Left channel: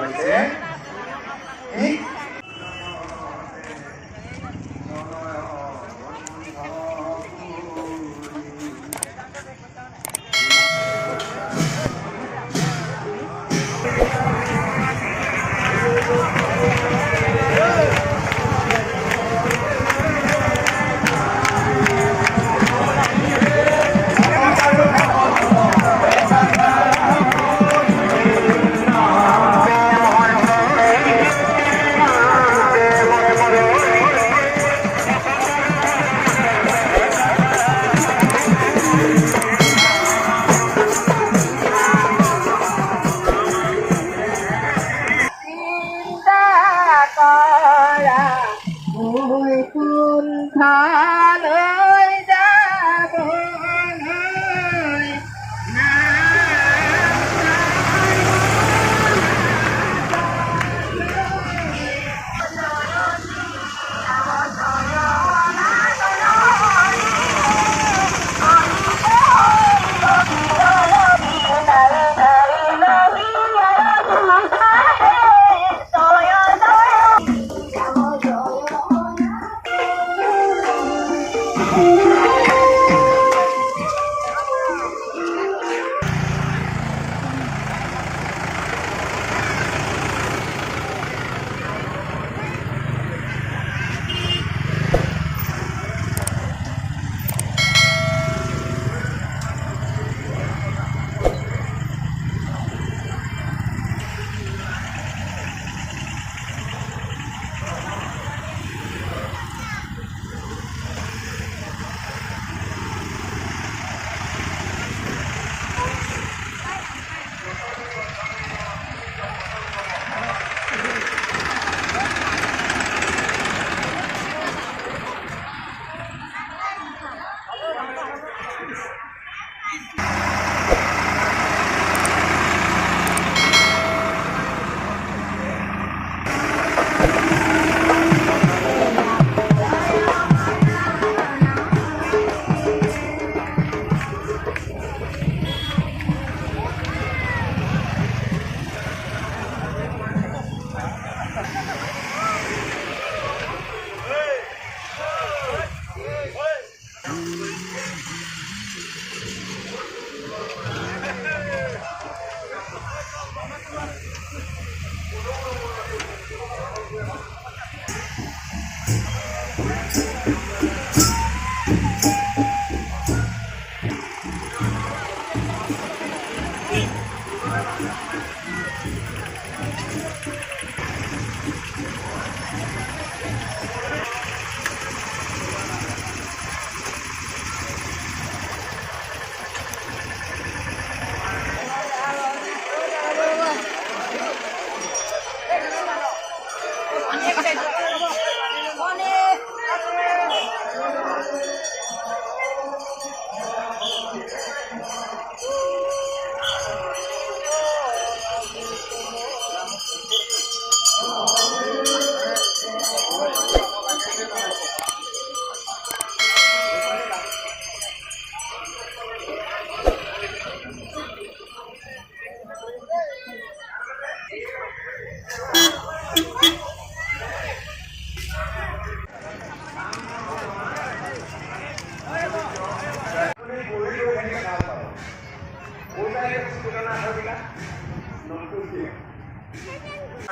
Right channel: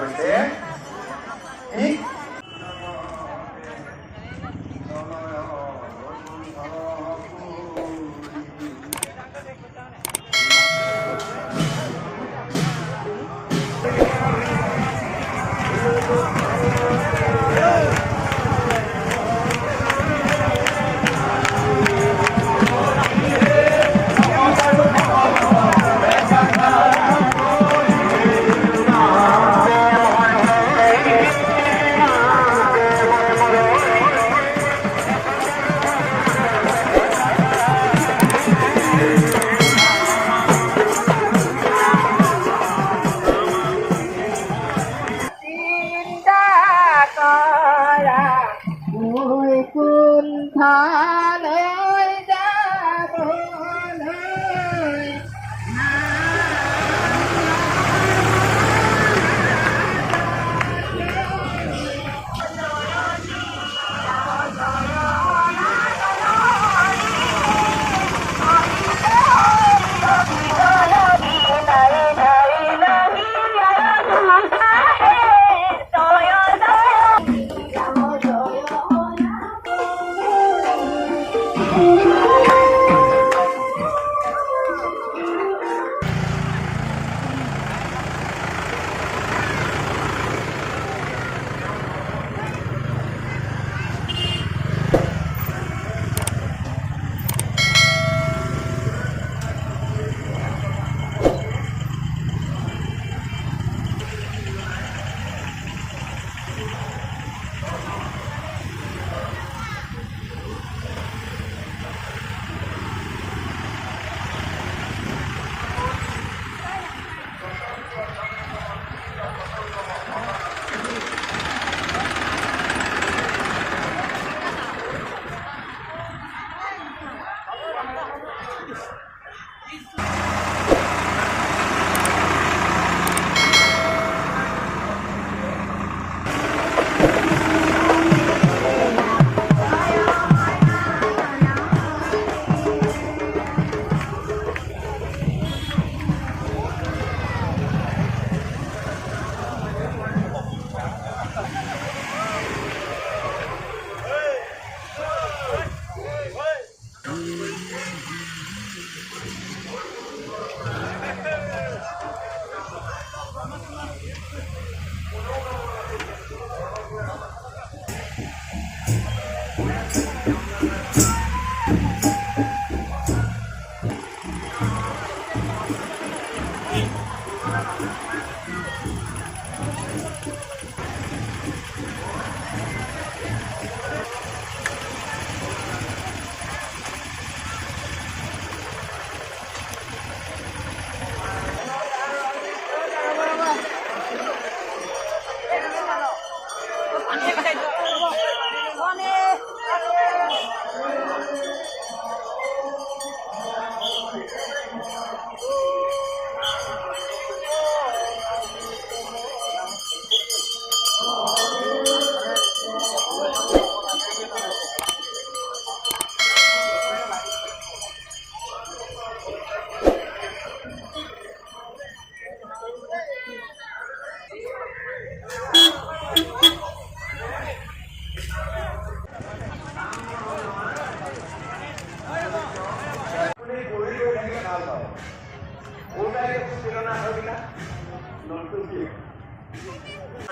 হৈছে কি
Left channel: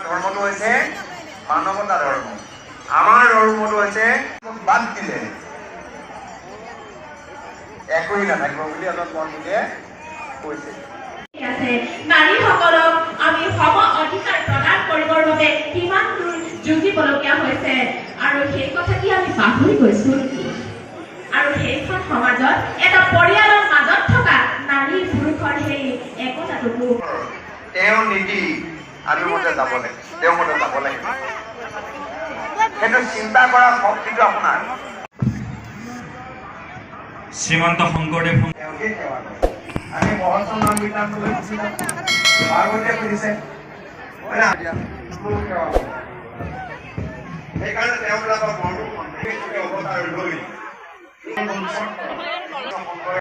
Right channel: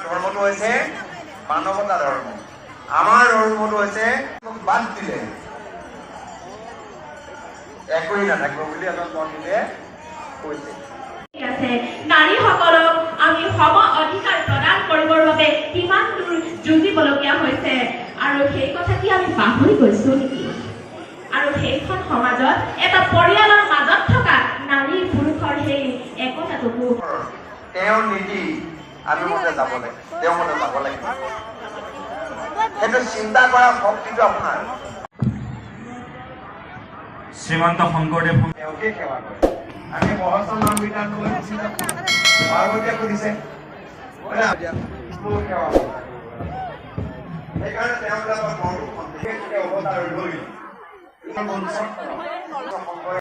ধৰ্মটো হৈছে মানৱতা ধৰ্ম। আমাৰ ধৰ্মটো হৈছে বাদ দিলে একোই নাথাকিব বুলি এজন পণ্ডিতে কৈছে। নাৰীসকলক আমি সম অধিকাৰ প্ৰদান কৰিবৰ বাবে কিমান দূৰ যুঁজিবলগীয়া হৈছে আৰু সেই কথাটি আমি পাহৰি গৈছো নেকি? আৰু সেইখন সমাজত এটা পৰিয়ালৰ মাজত থকা নাৰী পুৰুষৰ সেই একতাটোকো তেওঁ নীতি আমি মতে যাব লাগে, তেওঁ মতে যাব লাগিব। সেইটো চিন্তা কৰা শক্তিটো আপোনাৰ। শ্ৰীমন্ত শংকৰদেৱ তেওঁকে সেৱা কৰে। আমি মহৎ নাম বিধান লৈ পাৰ্বতীয়ে খুলিছে সেৱা কৰে। সেইকাৰণে তেওঁবিলাকক অৱতাৰ লৈ